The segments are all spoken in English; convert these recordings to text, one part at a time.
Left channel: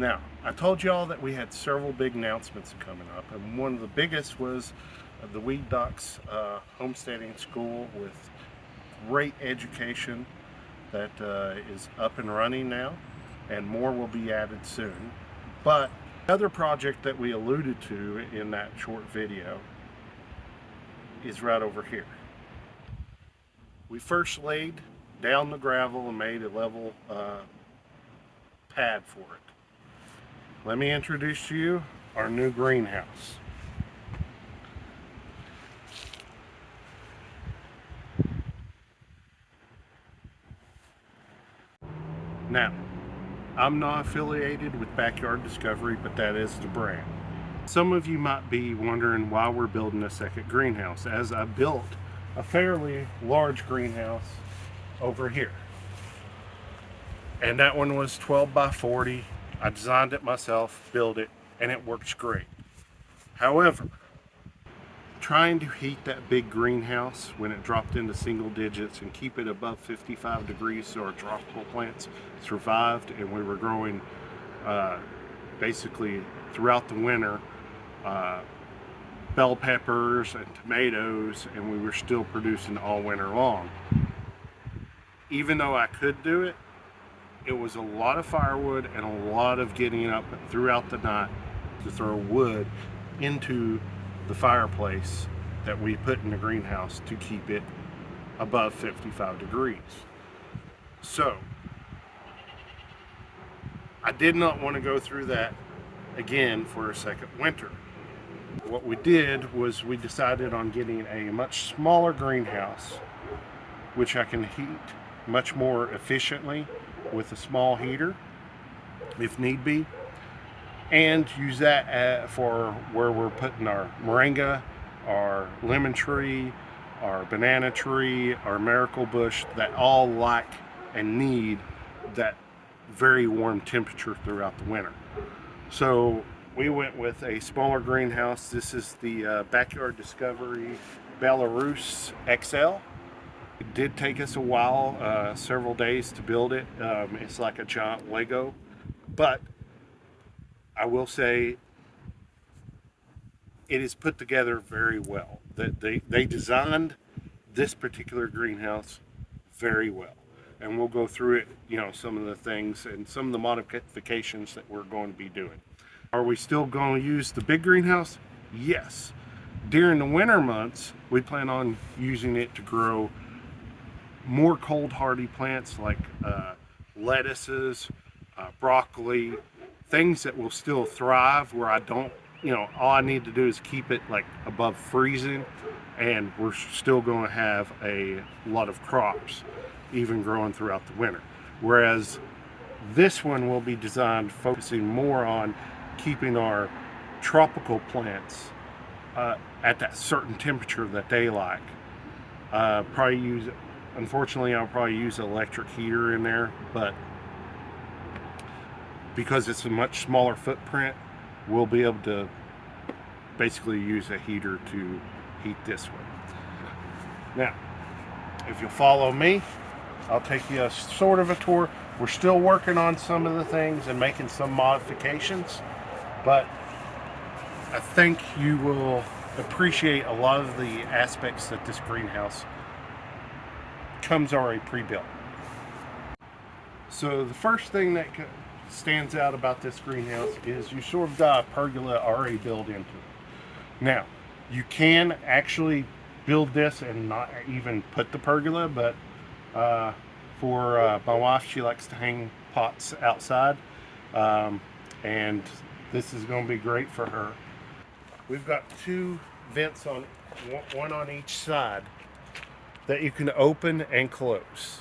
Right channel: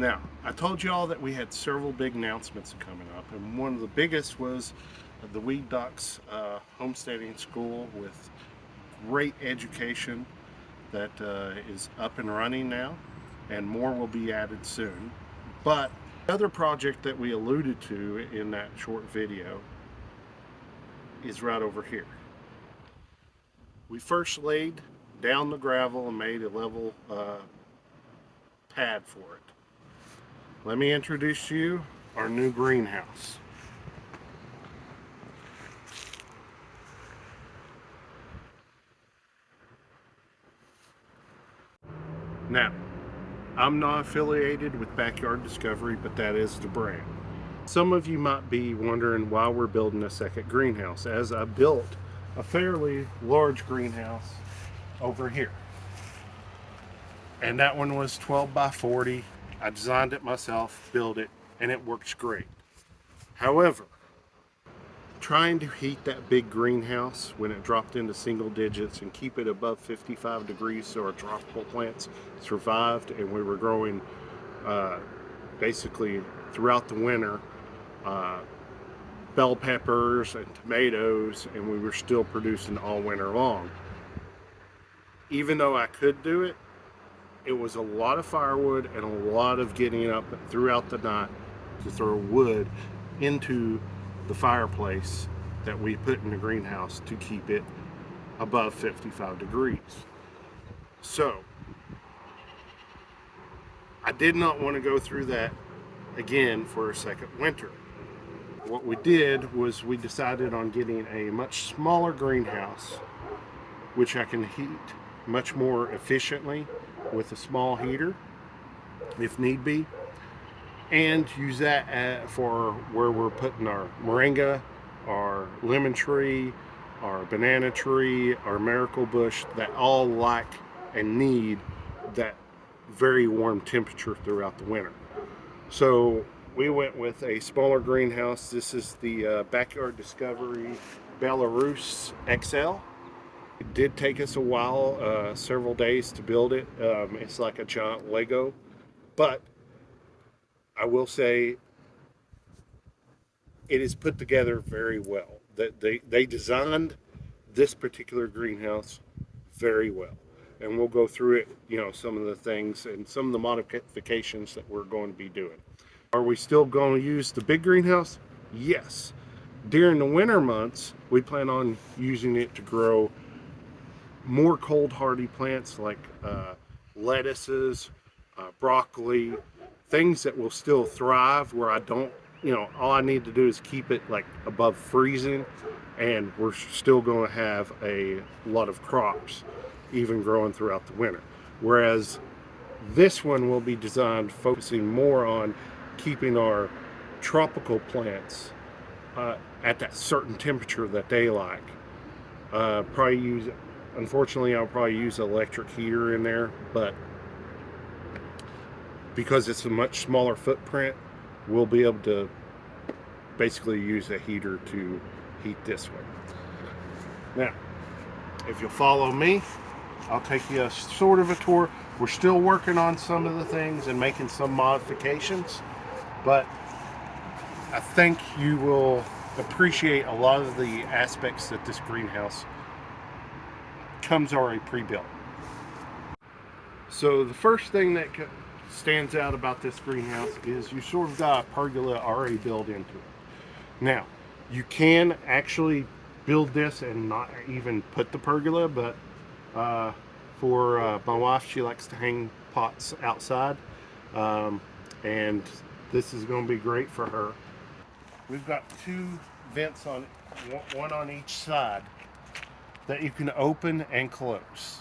Now, I told you all that we had several big announcements coming up, and one of the biggest was the Weed Ducks homesteading school with great education that is up and running now, and more will be added soon. But another project that we alluded to in that short video is right over here. We first laid down the gravel and made a level pad for it. Let me introduce to you our new greenhouse. Now, I'm not affiliated with Backyard Discovery, but that is the brand. Some of you might be wondering why we're building a second greenhouse, as I built a fairly large greenhouse over here. And that one was 12 by 40. I designed it myself, built it, and it works great. However, trying to heat that big greenhouse when it dropped into single digits and keep it above 55 degrees so our tropical plants survived, and we were growing basically throughout the winter bell peppers and tomatoes, and we were still producing all winter long. Even though I could do it, it was a lot of firewood and a lot of getting up throughout the night to throw wood into the fireplace that we put in the greenhouse to keep it above 55 degrees. So I did not want to go through that again for a second winter. What we did was we decided on getting a much smaller greenhouse, which I can heat much more efficiently with a small heater if need be, and use that for where we're putting our moringa, our lemon tree, our banana tree, our miracle bush, that all like and need that very warm temperature throughout the winter. So we went with a smaller greenhouse. This is the Backyard Discovery Bellerose XL. It did take us a while, several days to build it. It's like a giant Lego, but I will say it is put together very well. They designed this particular greenhouse very well, and we'll go through it, some of the things and some of the modifications that we're going to be doing. Are we still going to use the big greenhouse? Yes. During the winter months, we plan on using it to grow more cold hardy plants like lettuces, broccoli, things that will still thrive where I don't, all I need to do is keep it like above freezing, and we're still going to have a lot of crops even growing throughout the winter. Whereas this one will be designed focusing more on keeping our tropical plants at that certain temperature that they like. Unfortunately, I'll probably use an electric heater in there, but because it's a much smaller footprint, we'll be able to basically use a heater to heat this one. Now, if you'll follow me, I'll take you a sort of a tour. We're still working on some of the things and making some modifications, but I think you will appreciate a lot of the aspects that this greenhouse comes already pre-built. So the first thing that stands out about this greenhouse is you sort of got a pergola already built into it. Now, you can actually build this and not even put the pergola, but for my wife, she likes to hang pots outside, and this is going to be great for her. We've got two vents on, one on each side, that you can open and close.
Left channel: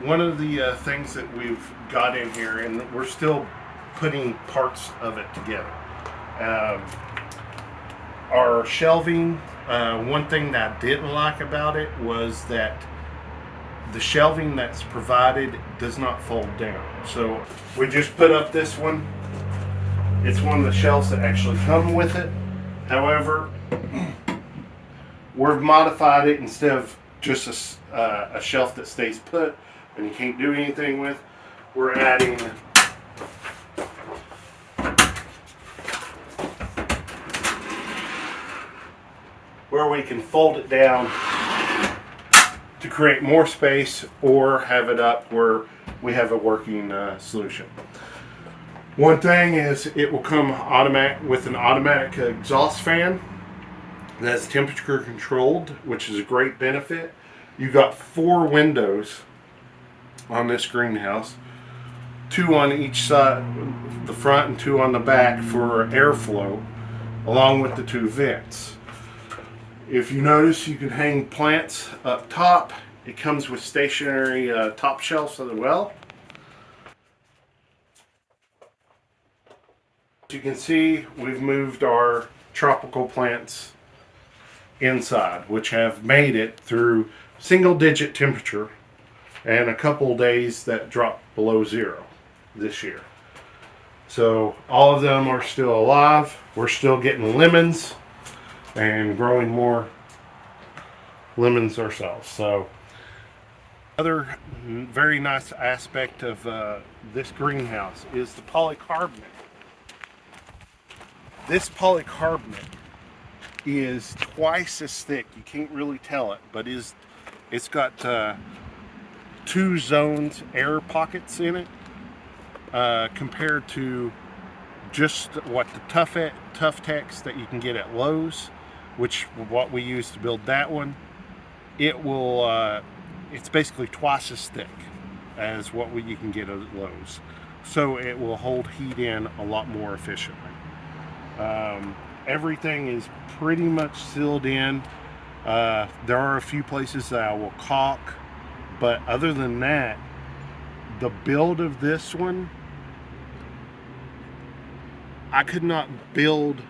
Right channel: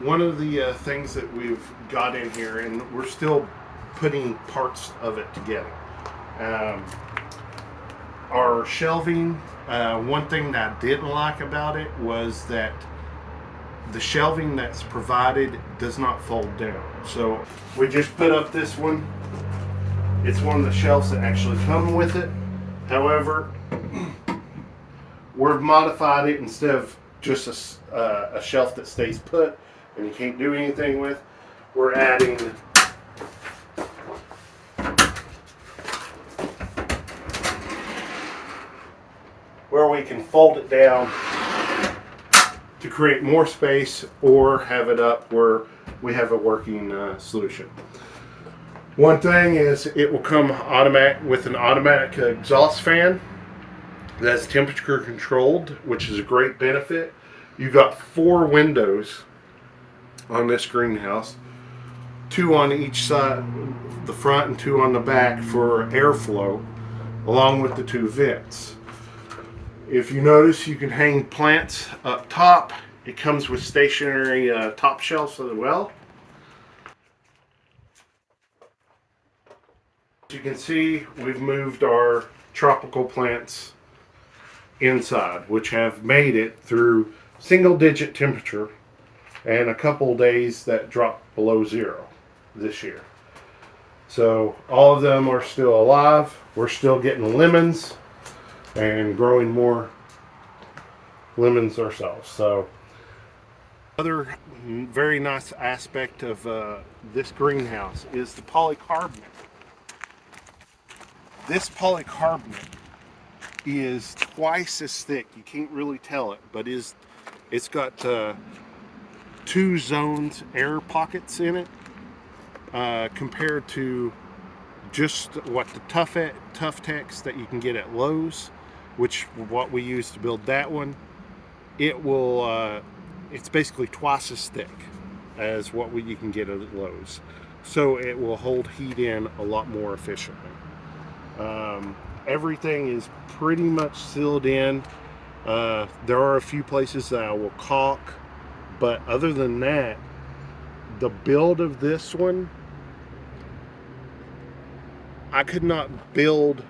One of the things that we've got in here, and we're still putting parts of it together, our shelving. One thing that I didn't like about it was that the shelving that's provided does not fold down. So we just put up this one. It's one of the shelves that actually come with it. However, we've modified it. Instead of just a shelf that stays put and you can't do anything with, we're adding we can fold it down to create more space, or have it up where we have a working solution. One thing is it will come automatic with an automatic exhaust fan that's temperature controlled, which is a great benefit. You've got 4 windows on this greenhouse, 2 on each side, the front, and 2 on the back for airflow, along with the 2 vents. If you notice, you can hang plants up top. It comes with stationary top shelves as well. As you can see, we've moved our tropical plants inside, which have made it through single-digit temperature and a couple days that dropped below 0 this year. So all of them are still alive. We're still getting lemons and growing more lemons ourselves. So another very nice aspect of this greenhouse is the polycarbonate. This polycarbonate is twice as thick. You can't really tell it, but it's got 2 zones, air pockets in it, compared to just what the Tough Tex that you can get at Lowe's, which what we use to build that one. It will it's basically twice as thick as what you can get at Lowe's, so it will hold heat in a lot more efficiently. Everything is pretty much sealed in. There are a few places that I will caulk, but other than that, the build of this one, I could not build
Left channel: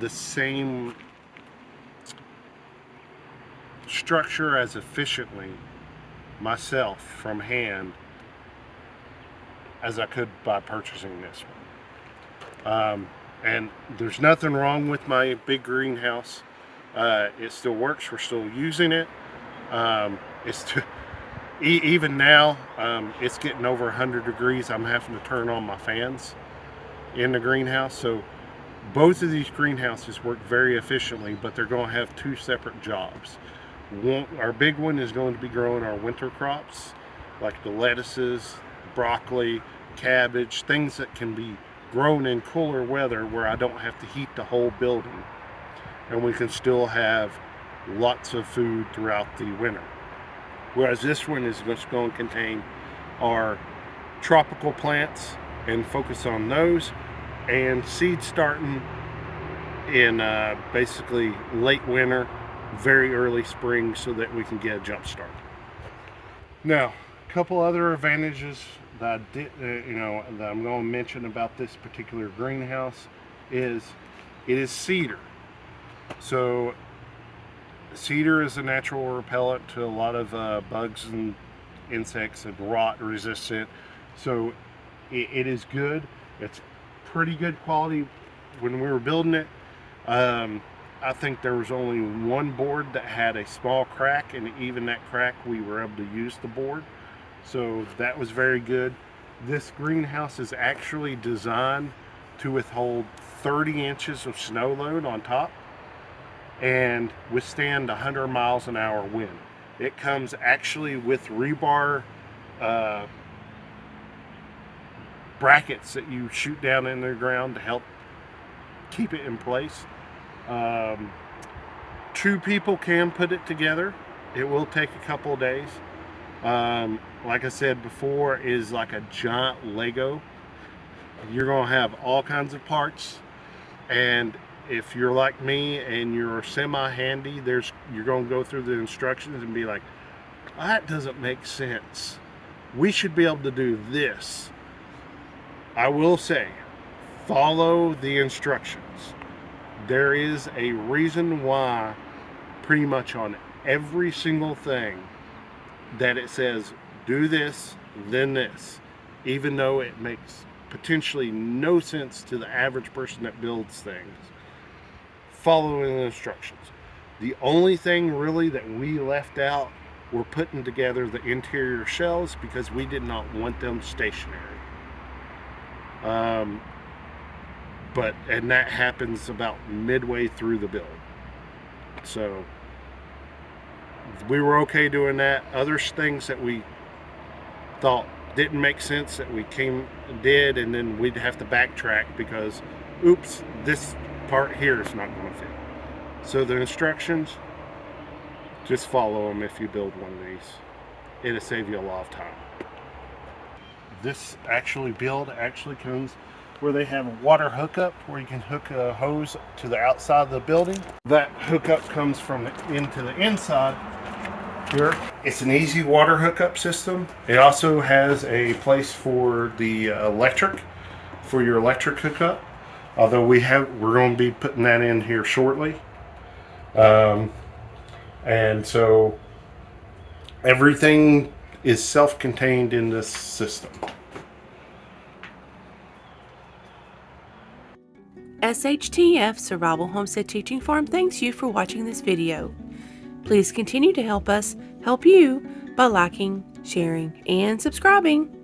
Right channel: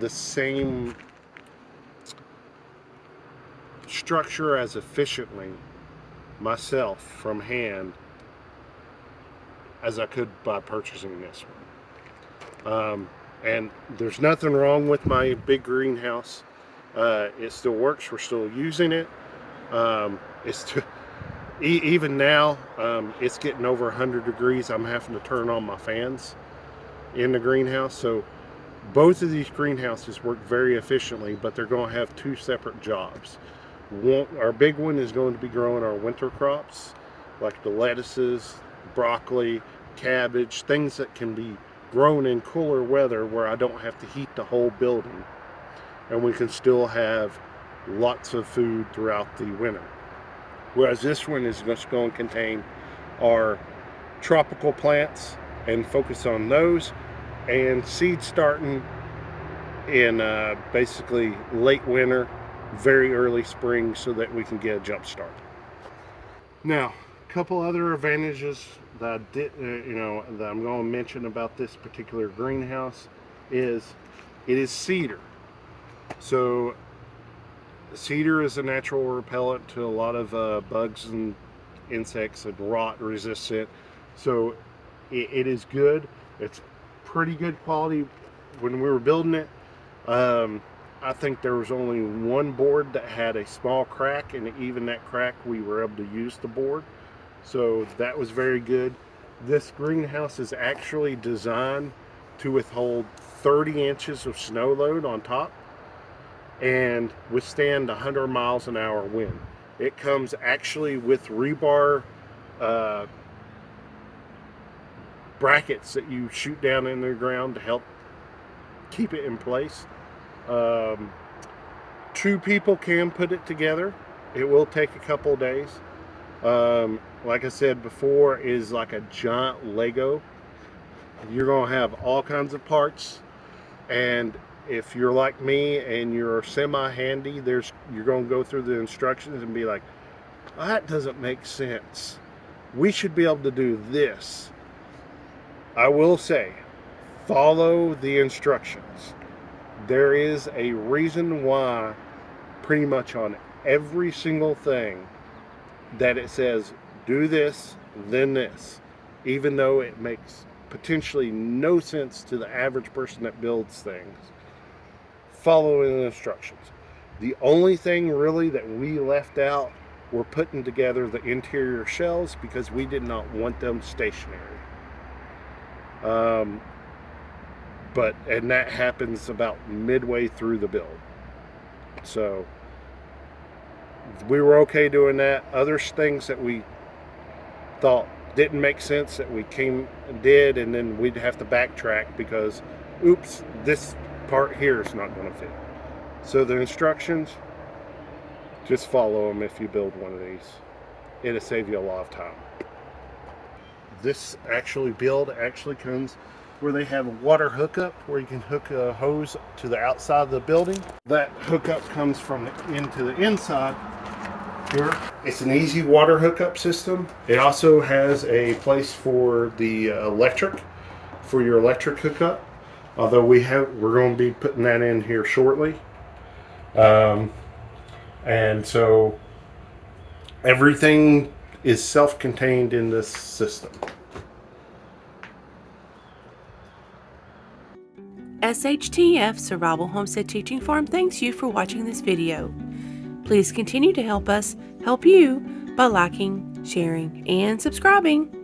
the same structure as efficiently myself from hand as I could by purchasing this one. And there's nothing wrong with my big greenhouse. It still works. We're still using it. Even now, it's getting over 100 degrees. I'm having to turn on my fans in the greenhouse. So both of these greenhouses work very efficiently, but they're going to have 2 separate jobs. Our big one is going to be growing our winter crops, like the lettuces, broccoli, cabbage, things that can be grown in cooler weather where I don't have to heat the whole building, and we can still have lots of food throughout the winter. Whereas this one is just going to contain our tropical plants and focus on those, and seed starting in basically late winter, very early spring, so that we can get a jump start. Now, a couple other advantages that that I'm going to mention about this particular greenhouse is it is cedar. So cedar is a natural repellent to a lot of bugs and insects and rot resistant. So it is good. It's pretty good quality. When we were building it, I think there was only one board that had a small crack, and even that crack we were able to use the board. So that was very good. This greenhouse is actually designed to withhold 30 inches of snow load on top and withstand 100 miles an hour wind. It comes actually with rebar brackets that you shoot down in the ground to help keep it in place. 2 people can put it together. It will take a couple of days. Like I said before, is like a giant Lego. You're going to have all kinds of parts, and if you're like me and you're semi-handy, you're going to go through the instructions and be like, that doesn't make sense. We should be able to do this. I will say, follow the instructions. There is a reason why pretty much on every single thing that it says do this, then this, even though it makes potentially no sense to the average person that builds things. Following the instructions. The only thing really that we left out were putting together the interior shells, because we did not want them stationary. And that happens about midway through the build. So we were okay doing that. Other things that we thought didn't make sense that we did, and then we'd have to backtrack because, oops, this part here is not going to fit. So the instructions, just follow them if you build one of these. It'll save you a lot of time. This build actually comes where they have a water hookup where you can hook a hose to the outside of the building. That hookup comes from into the inside here. It's an easy water hookup system. It also has a place for the for your electric hookup. Although we're going to be putting that in here shortly. And so everything is self-contained in this system. SHTF Survival Homestead Teaching Farm thanks you for watching this video. Please continue to help us help you by liking, sharing, and subscribing.